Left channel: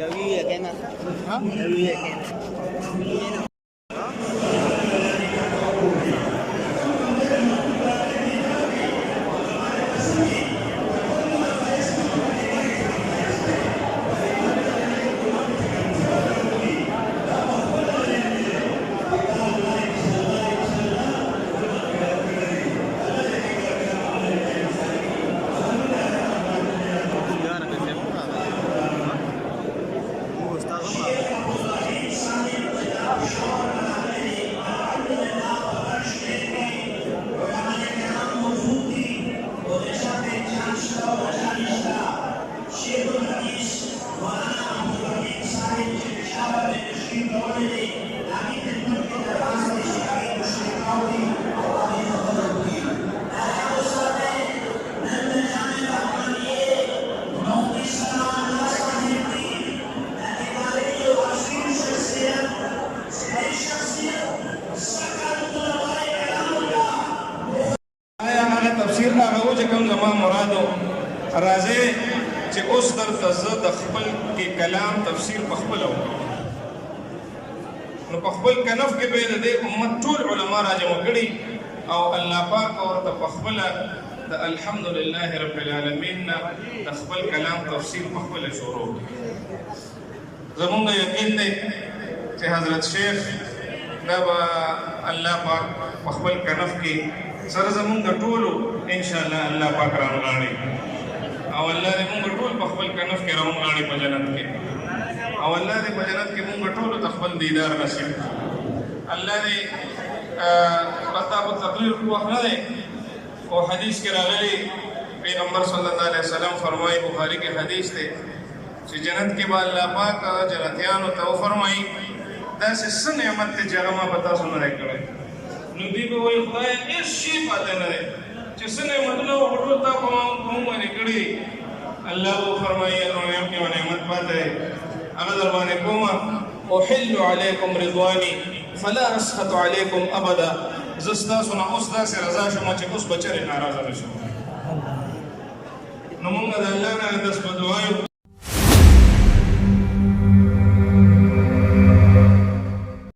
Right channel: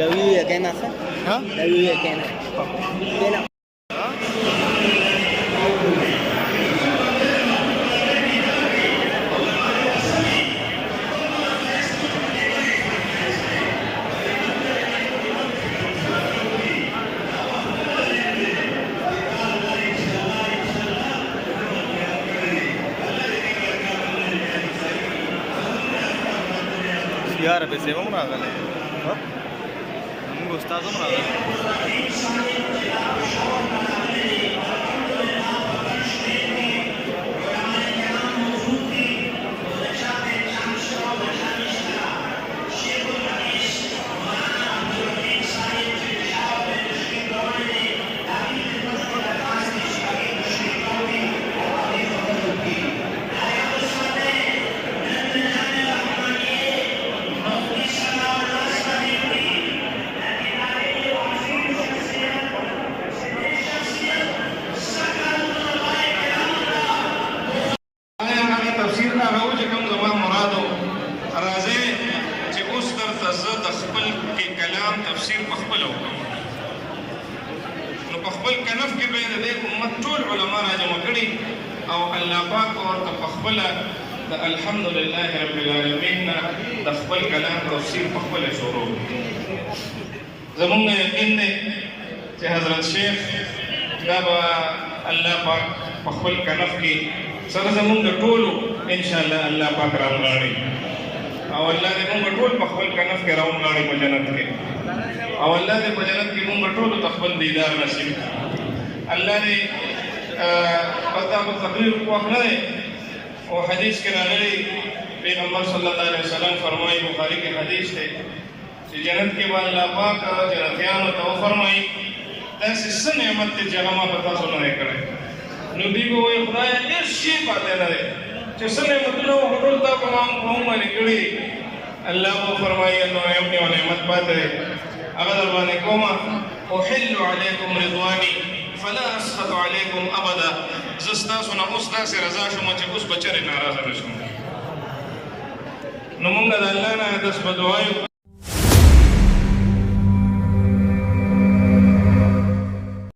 Gawi ya kayak masa? Hah? Gawi ya kayak masa? यार पैसे वो बना था उस्ताद बना था تفسیر هغه و چې کوم زما مرادو راځي چې اوس درته زه د خپل کې کلام تفسیر په خپله وکړم نو په خپل کنف کې به یې د دې امت ټول علما راجمع کړي او الله پاک ورته په خپله د الحمدلله رب العالمین نه د خپل کلام تفسیر په خپله شروع زمونږ یقین دی چې حضرت شیخ دا به الله پاک په خپل کنف کې سره زمونږ ټولو انشاءالله الله پاک راونغاړي او الله دې مونږ ټول په خپل کنف کې راونغاړي په جنت کې او الله دې په جنت کې مونږ ټولو ته خپل دیدار نصیب کړي الله دې پتا په تقریر کو اخره او حدیث کې راغلي پیغمبر صلی الله علیه وسلم فرمایي بخاری کې حدیث دی چې جنت کې به الله پاک جنتیانو ته فرمایي داسې څه نعمت دی چې هغه ما په تاسو نه کړی نو دی به وایي خدایه هېڅ شی پاتې نه دی چې څه نعمتونه وو ټول تا په موږ باندې کړي الله به فرمایي نو یو نعمت پاتې دی هغه در باندې کومه احل علیکم رضواني فلا اسخط علیکم ابدا زه ستاسو نه اوس داسې رضا شوم چې اوس به چېرې ناراضه نه شم نو موږ د الله نه داس په دعا